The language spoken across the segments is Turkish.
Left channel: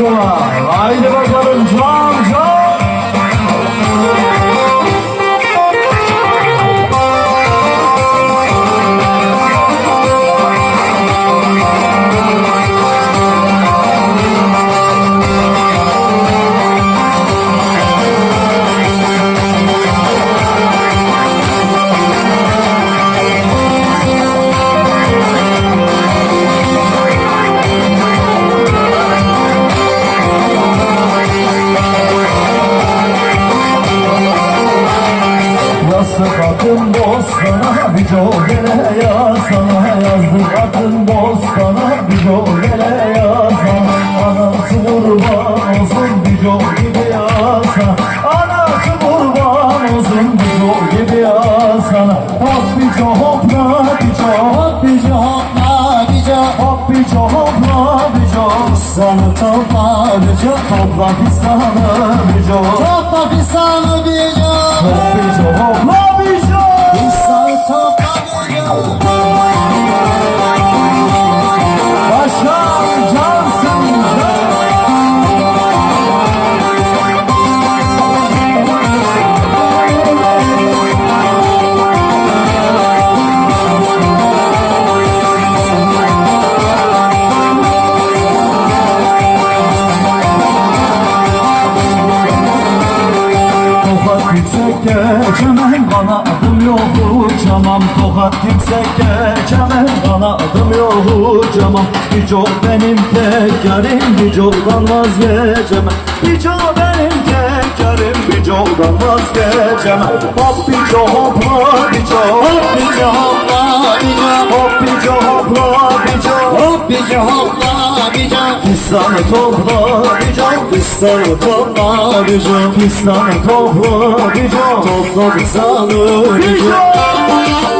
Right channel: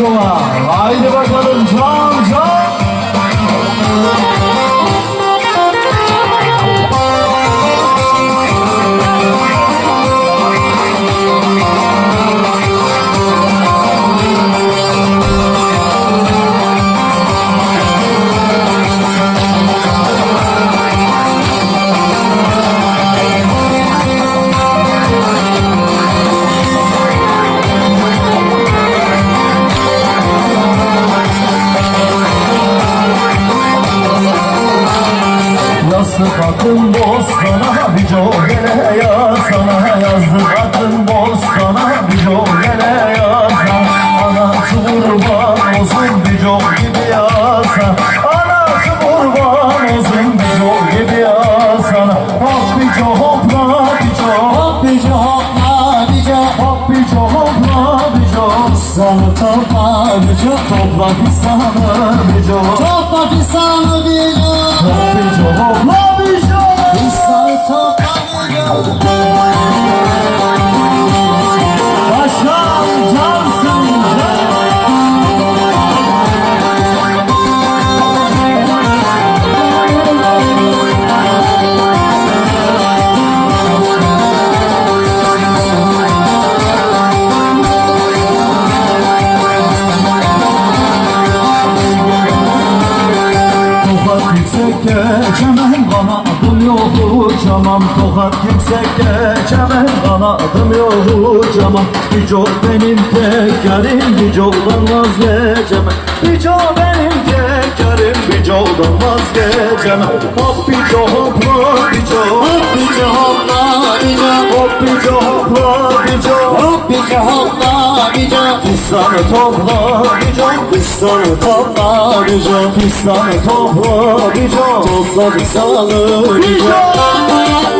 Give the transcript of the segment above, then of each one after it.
Coğa. Haydi bir jogere yazsana Yazdık atın bostana bir jogere yazsana Anası kurban olsun bir gibi yazsana. Anası kurban olsun bir gibi yazsana. Hop bir hopla bir Hop bir hopla bir Hop bir hopla bir Sana topla bir Topla bir jog yok uçamam Tokat yüksek geçemem bana adım yok uçamam Bir çok benim tek yarim bir çoktan vazgeçemem. Bir çok benim tek yarim bir çoktan vazgeçemem. Hop bir çok hopla bir çok Hop bir yol hopla bir yol Hop bir çok hopla bir çok Hop bir yol hopla bir yol Fistanı topla bir çok Fistanı topla bir çok Fistanı topla bir çok Topla fistanı bir Yeah.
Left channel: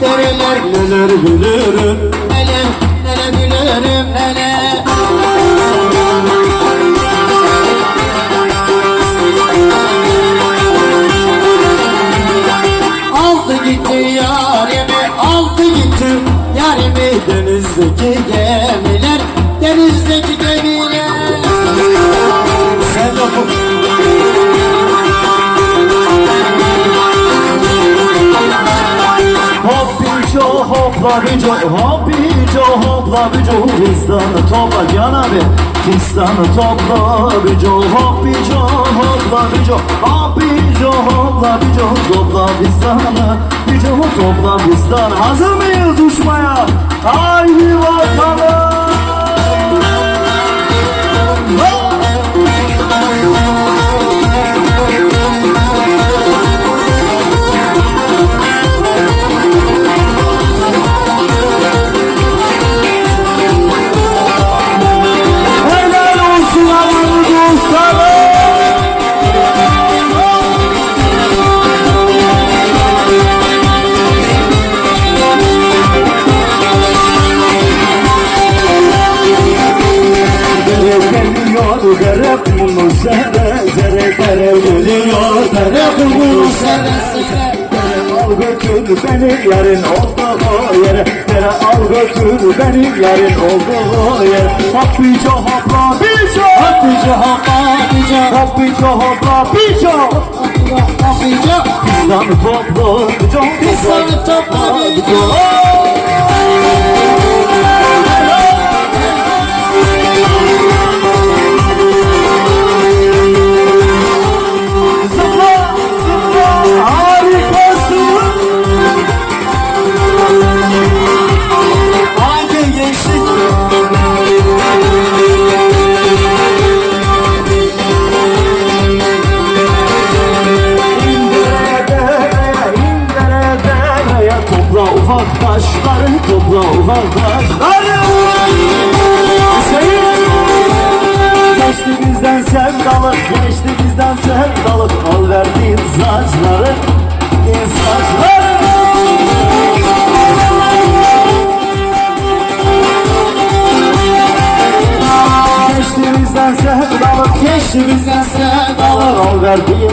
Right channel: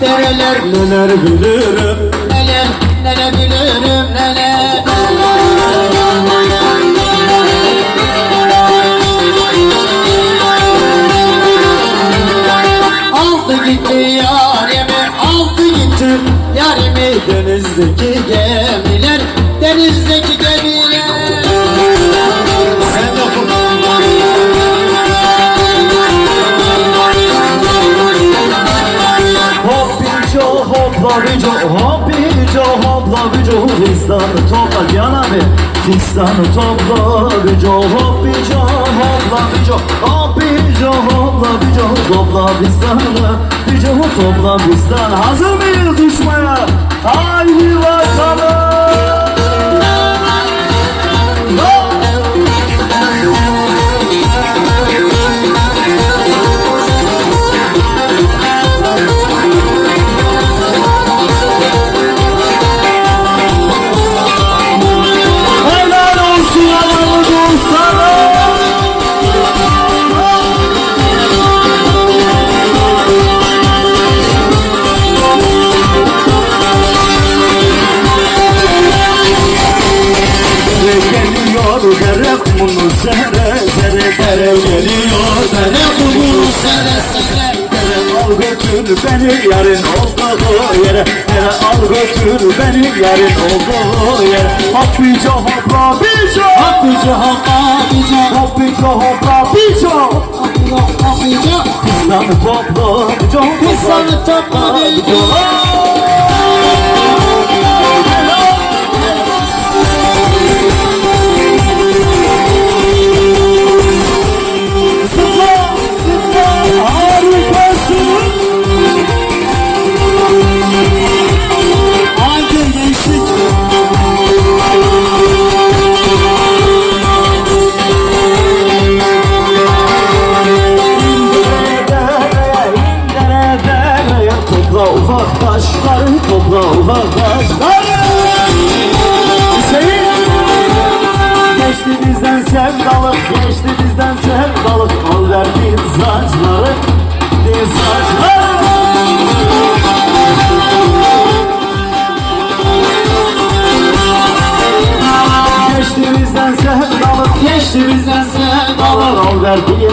dereler Neler bilirim Neler neler bilirim neler Aldı gitti yarimi Aldı gitti yarimi Denizdeki gemiler co hopla bir co Hop bir co hopla bir co Fistanı topla Cihan abi. Fistanı topla bir co Hop bir co hopla bir co Hop bir co hopla bir co Topla fistanı. Bir co Topla fistanı. Hazır mıyız uçmaya? Haydi bakalım Al götür beni yarın olduğu yere. Yere al götür beni yarın olduğu yere. Hakkıca hopla bica Hakkıcı hakabica Hakkıca hopla bica Hakkıcı Pistanı topla bica Pistanı topla bica.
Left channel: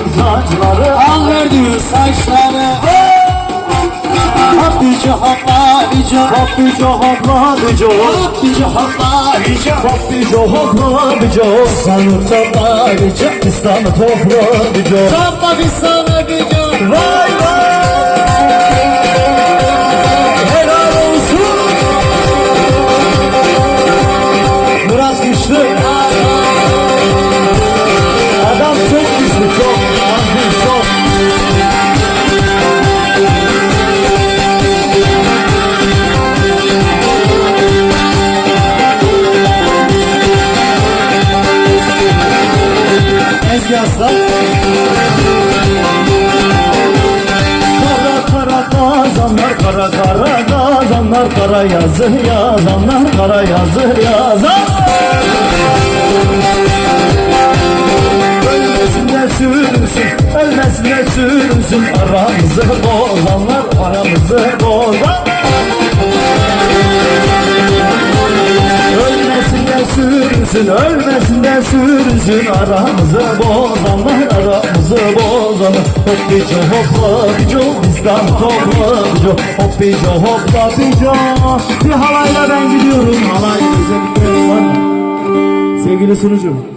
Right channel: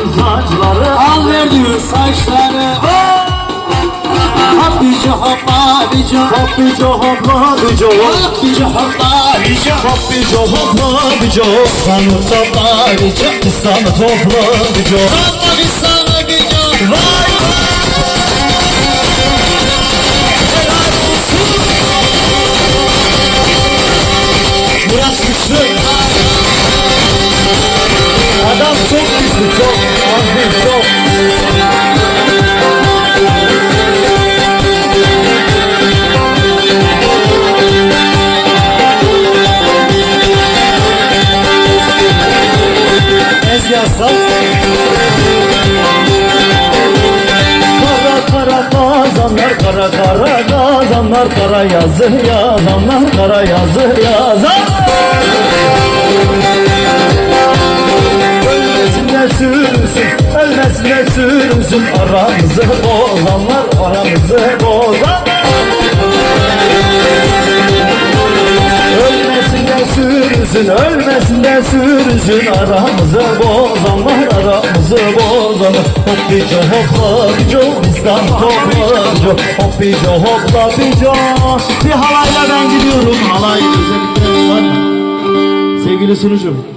Saçları Al verdiğin saçları. Hakkıcı hakabica Hoppico hopla bico Hakkıcı hakabica Hoppico hopla bico Sanı topla bico Sanı topla bico Topla bir sana gücü Vay vay Ezgasa Kara kara kazanlar kara kara kazanlar kara yazı yazanlar kara yazı yazan Ölmesinler sürünsün ölmesinler sürünsün aramızı bozanlar aramızı bozan Ölmesinler sürünsün, ölmesinler sürünsün Aramızı bozanlar, aramızı bozanlar Hoppico hopla bico, bizden topla Hoppico hopla bico Bir halayla ben gidiyorum, halay var Sevgili sunucum